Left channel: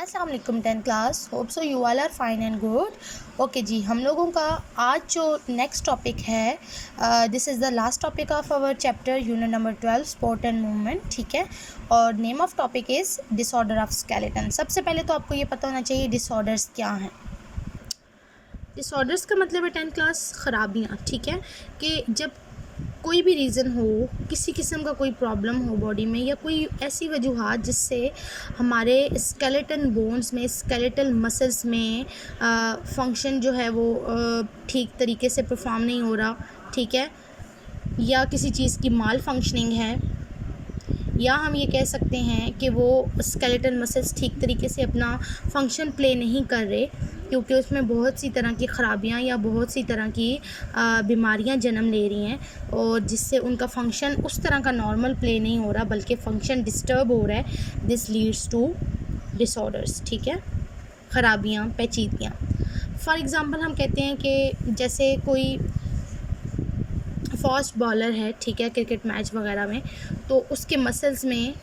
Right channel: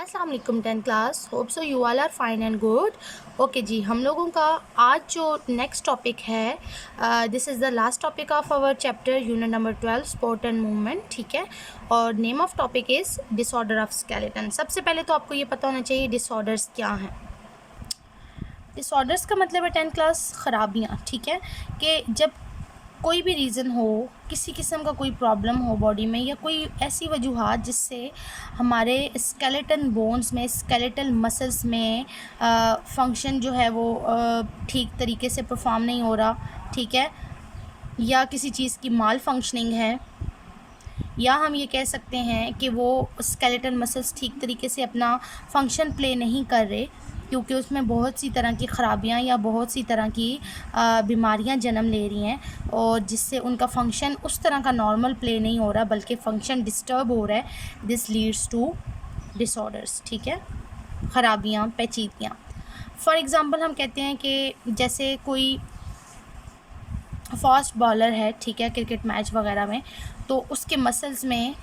अस्सलाम वालेकुम 10 class. Hope so you all are fine and good. Okay जी, हम लोगों का आज जो नेक्स्ट टॉपिक है, this is the last topic of our chapter unit number 12 sport and movement. ठीक है, और name of topic is disorder of skeleton. सबसे पहले तो आपको ये पता होना चाहिए डिसऑर्डर्स क्या हैं। डिसऑर्डर्स का मतलब है 10 क्लास ख़राबियाँ। ठीक है, कि जब कोई भी रीज़न हो, किसी किस्म का कोई प्रॉब्लम हो बॉडी में, या कोई ऐसी वजूहात जिससे हमारे स्केलेटन बोन्स में, स्केलेटल मसल्स में फंक्शन जो है वो ठीक तरीके से परफॉर्म नहीं हो रहा। ठीक है, या किसी चीज़ की माल फंक्शनिंग है, या हम ये कह सकते हैं कि वो स्केलेटल मसल्स ठीक तरीके से अपना फंक्शन प्ले नहीं कर रहे, क्योंकि उसमें बहुत सी तरह की ख़राबियाँ या बहुत सी तरह की बीमारियाँ जन्म ले रही हैं, और जिससे उनका फंक्शन उस तरह का नॉर्मल प्ले नहीं हो रहा, बल्कि फंक्शन डिस्टर्ब हो रहा है। This leads to disorders. ठीक है, ख़राबियाँ, पेचीदगियाँ। फॉर एग्ज़ाम्पल हम कहते हैं कि जैसे कोई फास्ट बॉलर है, ठीक है, क्रिकेट मैच वगैरह में, तो उसके मसल्स में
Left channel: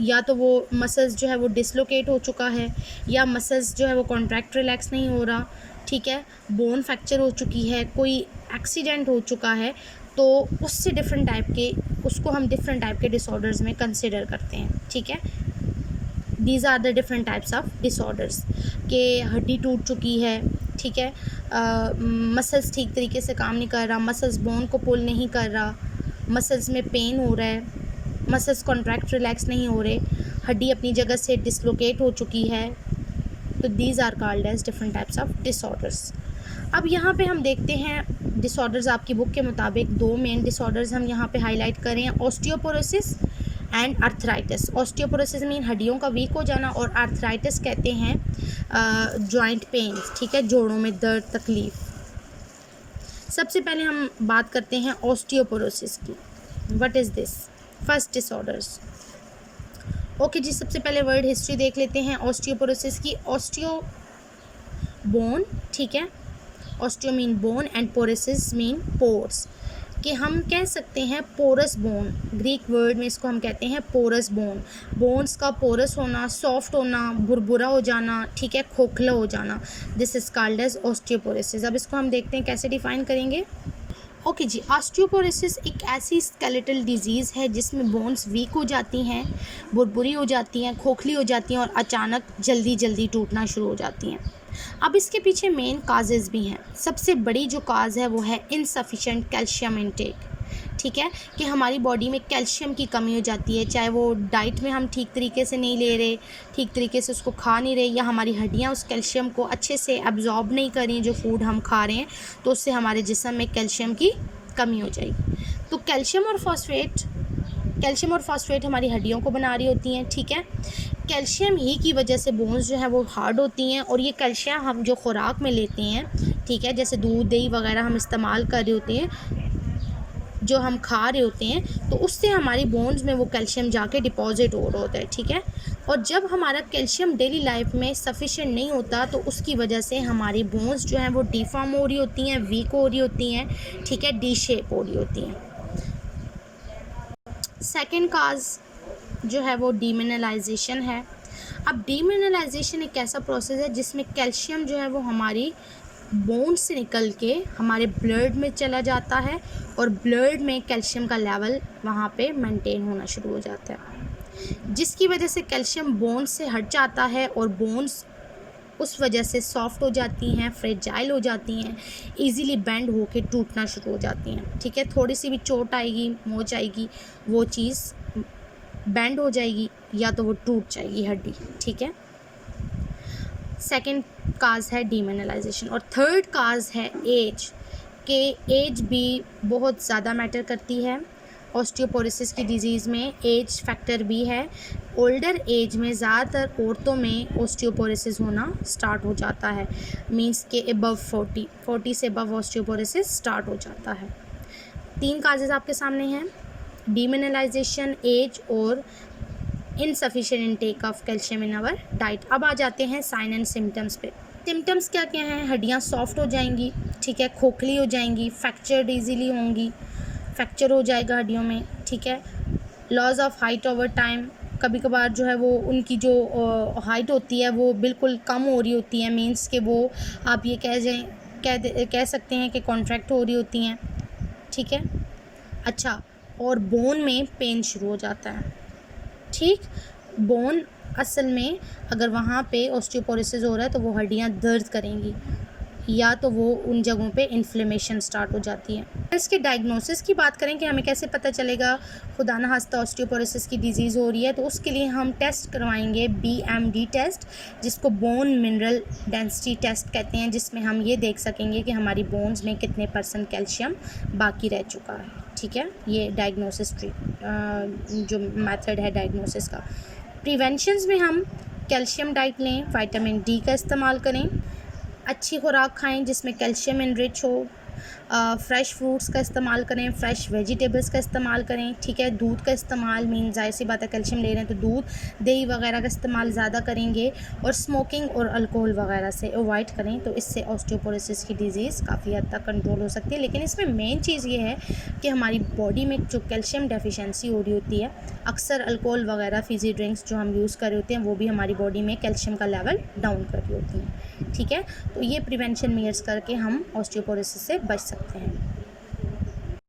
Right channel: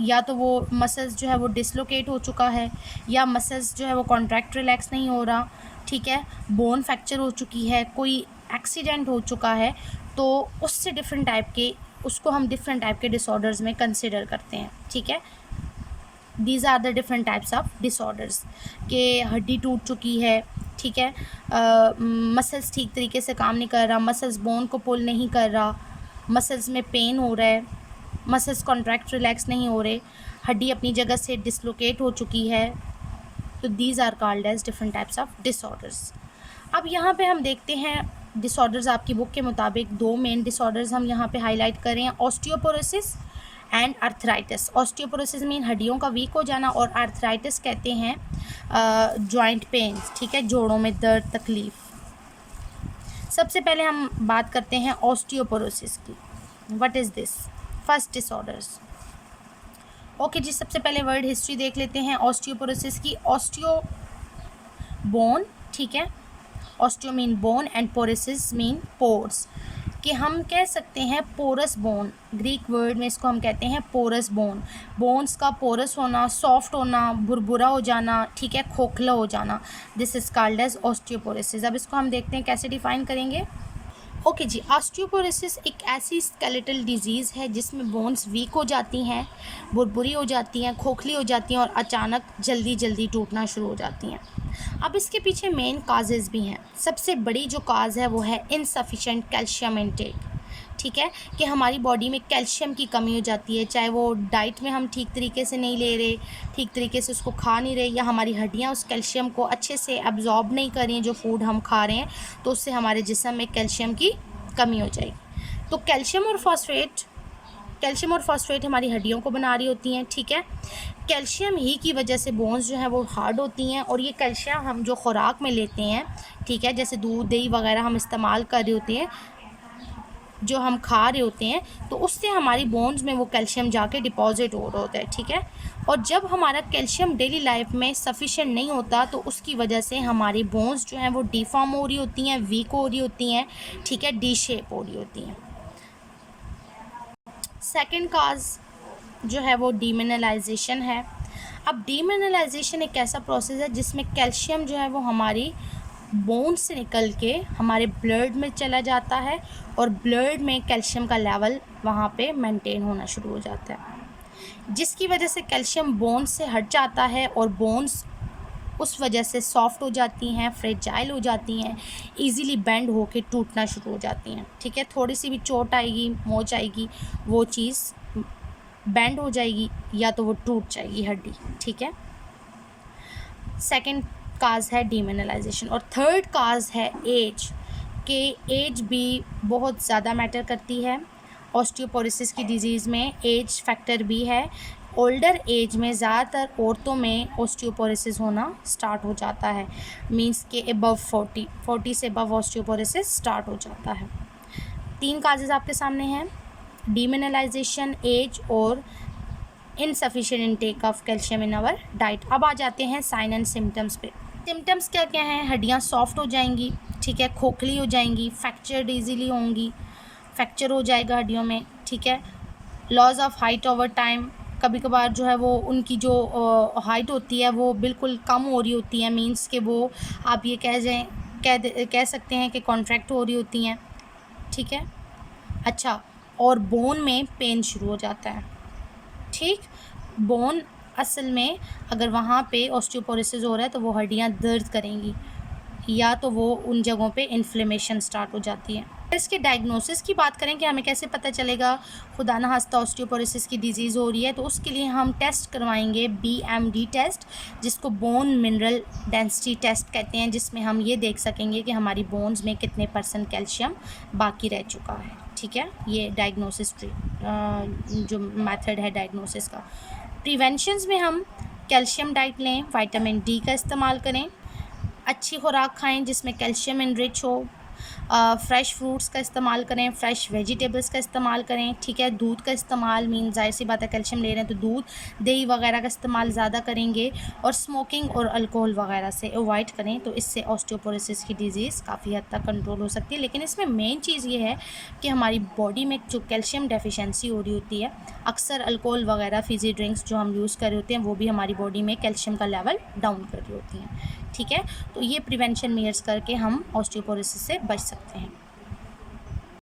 या तो वो मसल्स जो है वो डिसलोकेट हो चुका है, या मसल्स जो है वो कॉन्ट्रैक्ट रिलैक्स नहीं हो रहा। ठीक है, बोन फ्रैक्चर हो चुकी है, कोई एक्सीडेंट हो चुका है, तो उससे डिफरेंट टाइप के, उसको हम डिफरेंट टाइप के डिसऑर्डर्स में कंसिडर करते हैं। ठीक है, these are the different types of disorders. कि हड्डी टूट चुकी है, ठीक है, मसल्स ठीक तरीके से काम नहीं कर रहा, मसल्स बोन को पुल नहीं कर रहा, मसल्स में पेन हो रहा है, मसल्स कॉन्ट्रैक्ट रिलैक्स नहीं हो रहे, हड्डी अपनी जगह से डिसलोकेट हो चुकी है। तो these are called as different types of disorders. अब यहाँ पे हम देखते हैं डिसऑर्डर्स, आपकी बुक के मुताबिक दो मेन डिसऑर्डर्स हम यहाँ पे हाईलाइट कर रहे हैं, osteoporosis and arthritis. Osteoporosis mean हड्डियों का वीक हो जाना, और आर्थराइटिस कहते हैं जॉइंट पेन्स। ठीक है, जोड़ों में दर्द, तकलीफ़। सबसे पहले हम बात करते हैं ऑस्टियोपोरोसिस की। What is this? First disorders. Okay जी, सबसे पहले वर्ड हिस्ट्री देख लेते हैं ऑस्टियोपोरोसिस की। ऑस्टियो बोन, ठीक है, osteo mean bone and porosis mean pores. कि हम कह सकते हैं पोरस बोन, ग्रीक वर्ड में इसको हम कहते हैं पोरस बोन। बोन्स का पोरस होना, सॉफ्ट होना, भुरभुरा हो जाना, ठीक है, खोखला हो जाना, this is called as osteoporosis. अब इसको हम देखते हैं कैसे डिफाइन करेंगे। ओके जी, ऑस्टियोपोरोसिस एक ऐसी स्केलेटल डिजीज़ है जिसमें बोन्स वीक हो जाती हैं, भुरभुरी हो जाती हैं, खोखली हो जाती हैं, और अचानक जल्दी जल्दी टूटना शुरू हो जाती हैं। अब इसके पीछे मेन काजेज़ भी हैं। सबसे बड़ी जो काज है वो है इनसफिशेंट कैल्शियम इनटेक। ठीक है, कि हमारी बॉडी में कैल्शियम की कमी हो जाती है, चाहे वो डाइट में हम ठीक तरीके से नहीं ले रहे, ठीक तरीके से उसको खा नहीं रहे, या हमारी हड्डियाँ उस कैल्शियम को अच्छे से एब्जॉर्ब नहीं कर रही जो फूड हम खा रहे हैं, तो उससे हमारे जिस्म में कैल्शियम की कमी हो जाएगी। तो कैल्शियम और फॉस्फेट हमारी हड्डियों को बना रही होती हैं। ठीक है, कैल्शियम ही की वजह से बोन्स जो है वो हार्ड होती हैं, और ये कैल्शियम हम जो खुराक में लेते हैं, ठीक है, जैसे दूध, दही वगैरह हम इस्तेमाल कर रहे होते हैं, जो हम खा रहे होते हैं, तो उससे हमारी बोन्स में वो कैल्शियम जाके डिपॉजिट हो रहा होता है। ठीक है, और जब हमारा कैल्शियम डेली लाइफ में सफिशेंट नहीं होता, तो उसकी वजह से हमारी बोन्स जो हैं वो डिफॉर्म हो रही होती हैं, वीक हो रही होती हैं, ठीक है, डी शेप हो रही होती हैं। सेकेंड काज जो है वो डीमिनरलाइजेशन है। अब डीमिनरलाइजेशन एक ऐसा प्रोसेस है जिसमें कैल्शियम जो है वो हमारी बोन से निकल के हमारे ब्लड में चला जाता है, और ब्लड में कैल्शियम का लेवल वहाँ पे मेंटेन होना शुरू हो जाता है, जिसकी वजह से कैल्शियम बोन्स से हट जाता है, और बोन्स उस वजह से सॉफ्ट हो जाती हैं, फ्रेजाइल हो जाती हैं, इजीली बेंड होके टूटना शुरू हो जाती हैं। ठीक है, थोड़ी सी भी चोट आएगी, मोच आएगी, वो चीज़ बेंड हो जाएगी, या तो वो टूट जाएगी हड्डी। ठीक है, सेकंड काज है डीमिनरलाइजेशन। और थर्ड काज है एज, के एज भी बहुत ज़्यादा मैटर करती है। ऑस्टियोपोरोसिस की डिजीज़ में एज फैक्टर भी है। ओल्डर एज में ज़्यादातर औरतों में ऑस्टियोपोरोसिस होना स्टार्ट हो जाता है, मींस के अबव 40 से अबव ऑस्टियोपोरोसिस स्टार्ट हो जाता है। तीन काजेज़ आपके सामने हैं, डीमिनरलाइजेशन, एज, और insufficient intake of calcium in our diet. अब आ जाते हैं साइन एंड सिम्टम्स पे। सिम्टम्स क्या क्या हैं? हड्डियाँ सॉफ्ट हो जाएंगी, ठीक है, खोखली हो जाएंगी, फ्रैक्चर्ड ईजीली होंगी, फ्रैक्चर हो जाएगा हड्डियों में। ठीक है, loss of height over time, कभी कभार जो है वो उनकी जो हाइट होती है वो बिल्कुल कम हो रही होती है, मीन्स कि वो आप ये कह सकते हैं कि कॉन्ट्रैक्ट हो रही होती हैं, ठीक है। अच्छा, और बोन में पेन शुरू हो जाता है, ठीक। बोन असल में अगर वहाँ पे ऑस्टियोपोरोसिस हो रहा है तो वो हड्डियाँ दर्द करेंगी, या तो वो उन जगहों पे इन्फ्लेमेशन स्टार्ट हो जाती है। इसके डायग्नोसिस की बात करें कि हमें कैसे पता चलेगा खुदा ना खास्ता ऑस्टियोपोरोसिस की डिजीज़ हो रही है, तो उसके लिए हम टेस्ट करवाएंगे BMD टेस्ट, जिसको बोन मिनरल डेंसिटी टेस्ट कहते हैं, जिसमें हम ये देख सकेंगे कि हमारी बोन्स में कितने % कैल्शियम बाकी रह चुका है, ठीक है। ये डायग्नोसिस जो मेथड है डायग्नोसिस का। प्रिवेंशंस में हम कैल्शियम डाइट लें, विटामिन D का इस्तेमाल करें, अच्छी खुराक खाएं जिसमें कैल्शियम इनरिच हो, फ्रेश फ्रूट्स का इस्तेमाल करें, फ्रेश वेजिटेबल्स का इस्तेमाल करें, ठीक है। दूध का इस्तेमाल, मीन ज़ाहिर सी बात है कैल्शियम ले रहे हैं तो दूध, दही वगैरह का इस्तेमाल ज़्यादा करेंगे, और स्मोकिंग और अल्कोहल वगैरह से अवॉइड करें, तो इससे ऑस्टियोपोरोसिस की डिज़ीज़ काफ़ी हद तक कंट्रोल हो सकती है। लेकिन इसमें मेन चीज़ ये है कि हमारी बॉडी में जो कैल्शियम डेफिशिएंसी हो रही होती है, अक्सर अल्कोहल वगैरह फिज़ी ड्रिंक्स जो हम यूज़ कर रहे होते हैं वो भी हमारी बॉडी में कैल्शियम का लेवल डाउन कर रही होती हैं, ठीक है। तो ये प्रिवेंशन मेयर्स करके हम ऑस्टियोपोरोसिस से बच सकते हैं।